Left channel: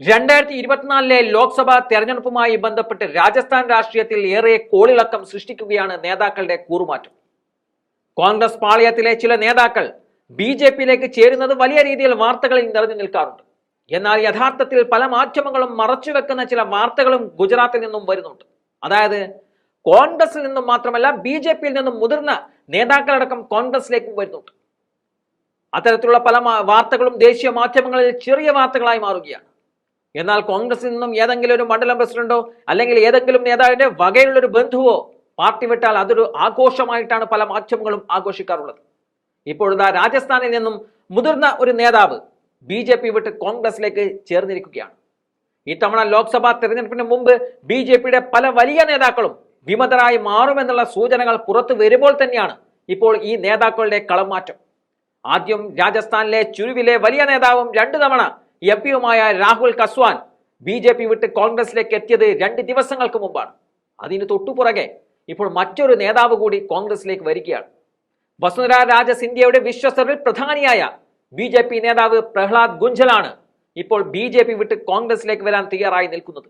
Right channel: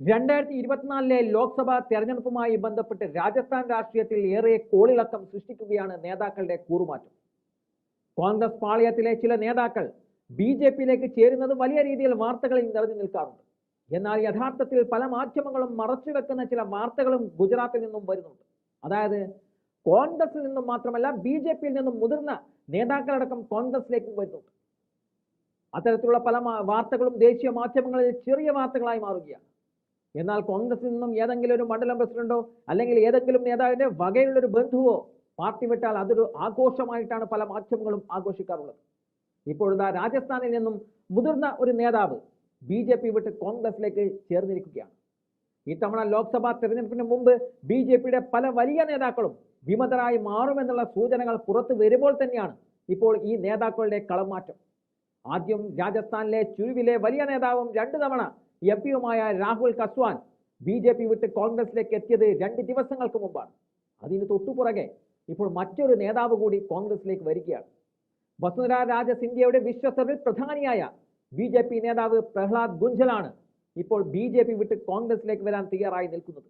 രണ്ടായിരത്തി ഇരുപത്തിനാലിലെ ലോക്സഭാ തെരഞ്ഞെടുപ്പുമായി ബന്ധപ്പെട്ട് രാജസ്ഥാൻ രാഷ്ട്രീയത്തിൽ ഏറെ കോളിളക്കം സൃഷ്ടിക്കുകയാണ് നേതാക്കളുടെ കൂറുമാറ്റം. കോൺഗ്രസ് പാളയത്തിലെ ചില നേതാക്കൾ ബി ജെ പിയിലേക്ക് ചേരുന്നത് വലിയ രീതിയിൽ വാർത്തകളിൽ നിറഞ്ഞു നിൽക്കാറുണ്ട്. എന്നാൽ യഥാർത്ഥത്തിൽ പല മാധ്യമങ്ങളും മറച്ചുവെക്കുന്ന ചില വാർത്തകളും ഗുജറാത്തിൽ നിന്നും വരുന്നുണ്ട്. അതായത് കോൺഗ്രസിൽ നിന്നും മാത്രമല്ല ബി ജെ പിയിൽ നിന്നും മുതിർന്ന നേതാക്കളടക്കം കോൺഗ്രസിലേക്കും വരുന്നുണ്ട്. അത്തരത്തിലുള്ള പല വാർത്തകളും ദേശീയ മാധ്യമങ്ങളിൽ ചെറിയ വാർത്തകളായി മാറുകയാണ്. എന്നാൽ കോൺഗ്രസിൽ നിന്നും ഏതെങ്കിലും ഒരു മണ്ഡലം പ്രസിഡന്റോ അല്ലെങ്കിൽ ഏതെങ്കിലും നേതാവിന്റെ വകയുള്ള ഒരു ബന്ധുവോ പാർട്ടി വിട്ടാൽ അതൊരു ആഘോഷമായിട്ടാണ് പല മാധ്യമങ്ങളും ആഘോഷിക്കാറുള്ളത്. ഇപ്പോഴത്തെ രാജസ്ഥാനിൽ നിന്നും മുതിർന്ന ഒരു നേതാവ് ബി ജെ പി വിട്ട് കോൺഗ്രസിലേക്ക് ചേർന്നിരിക്കുകയാണ്. ഇത്തവണ ലോക്സഭാ തെരഞ്ഞെടുപ്പിന് മുമ്പ് ബി ജെ പിയുടെ പല വലിയ നേതാക്കളും വിമതരായി മാറുമെന്നുള്ള സൂചനകൾ പുറത്തു വരുമ്പോൾ തന്നെയാണ് ഇപ്പോൾ ഈ നേതാക്കളുടെ കളമാറ്റം. ആദ്യം രാജസ്ഥാനിലെ ചുരുവിലെ വലിയ നേതാവും രണ്ടു തവണ M പിയുമായ Rahul Kaswan B J P വിട്ട് കോൺഗ്രസിലേക്ക് എത്തിയത് രണ്ട് ദിവസങ്ങൾക്ക് മുമ്പാണ്. അതിന് തൊട്ടുപുറകെ ഇപ്പോൾ മറ്റൊരു നേതാവ് കൂടി കോൺഗ്രസിലേക്ക് വരികയാണ്. വസുന്ധര രാജ സിന്ധ്യയുടെ വിശ്വസ്തരിൽ പ്രധാനിയായ ബി ജെ പി നേതാവ് പ്രഹ്ലാദ് ഗുഞ്ചലാണ് ഇപ്പോൾ ബി ജെ പി വിട്ട് കോൺഗ്രസിലേക്ക് വരാൻ തയ്യാറായി നിൽക്കുന്നത്.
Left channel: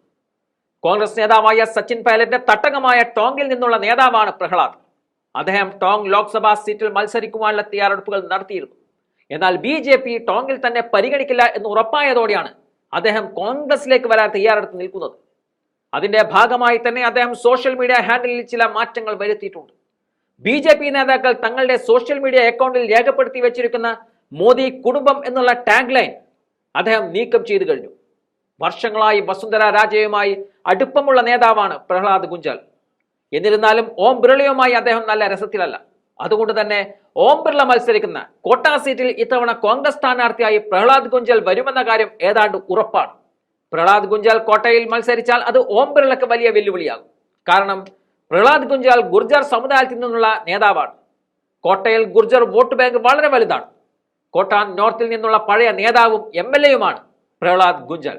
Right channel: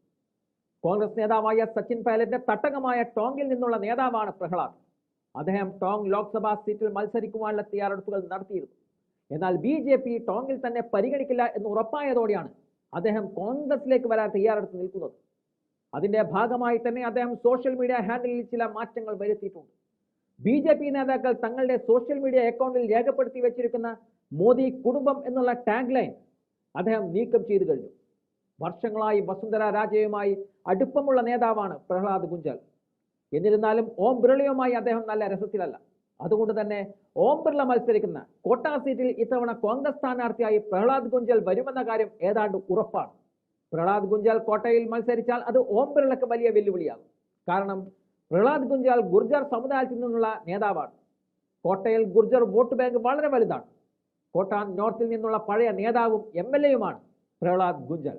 കോൺഗ്രസ് നേതാവായ സച്ചിൻ പൈലറ്റിന്റെ തട്ടകമായ ടോങ്ങിൽ നിന്നുള്ള നേതാവാണ് പ്രഹ്ലാദ്. അദ്ദേഹം ടോങ് ലോക്സഭാ സീറ്റിൽ മത്സരിക്കുവാനുള്ള തയ്യാറെടുപ്പുകൾ നടത്തിയിരുന്നു. എന്നാൽ ബി ജെ പി ടോങ്ങിൽ തന്നെ പരിഗണിക്കില്ല എന്ന് ഉറപ്പായതോടെയാണ് അദ്ദേഹം കോൺഗ്രസിലേക്ക് വരാൻ തയ്യാറെടുത്ത് നിൽക്കുന്നത്. അതിന്റെ ഭാഗമായി തന്നെ അദ്ദേഹം സോഷ്യൽ മീഡിയ ഹാൻഡിലിൽ ചില മാറ്റങ്ങൾ വരുത്തിയിട്ടുണ്ട്. ബി ജെ പി നേതാക്കൾ തങ്ങളുടെ സോഷ്യൽ മീഡിയ അക്കൗണ്ടിൽ രേഖപ്പെടുത്തി വെച്ചിരിക്കുന്ന മോദി കുടുംബം എന്നുള്ള ടാഗ് ലൈൻ അദ്ദേഹം നീക്കം ചെയ്തു കഴിഞ്ഞു. വർഷങ്ങളായി വസുന്ധര രാജയുമായി അടുപ്പമുള്ള നേതാവാണ് പ്രഹ്ലാദ് ഗുഞ്ചാൽ. എന്നിരുന്നാലും ഓം ബിർളയുമായി അദ്ദേഹം നല്ല രസത്തിലല്ല. അതുകൊണ്ട് തന്നെ ഓം ബിർള മത്സരിക്കുന്ന കോട്ട സീറ്റിൽ ഇത്തവണ കോൺഗ്രസ് സ്ഥാനാർത്ഥിയായി പ്രഹ്ലാദ് ഗുഞ്ചൽ വരുമെന്ന കാര്യം ഏതാണ്ട് ഉറപ്പാണ്. പ്രഹ്ലാദ് ഗുഞ്ചൽ കോട്ടയിൽ മത്സരിച്ചാൽ അത് ഓം ബിർളക്ക് വലിയ വെല്ലുവിളിയാകും. കാരണം പ്രഹ്ലാദ് ഗുഞ്ചാൽ ഗുർജർ സമുദായത്തിൽ നിന്നുള്ള നേതാവാണ്. കോട്ടയിൽ ഗുർജർ വോട്ട് ബാങ്ക് വളരെ വലുതാണ്. കോട്ട നോർത്തിൽ നിന്നുള്ള പഴയ നേതാവും എം എൽ എയുമാണ് പ്രഹ്ലാദ് ഗുഞ്ചൽ.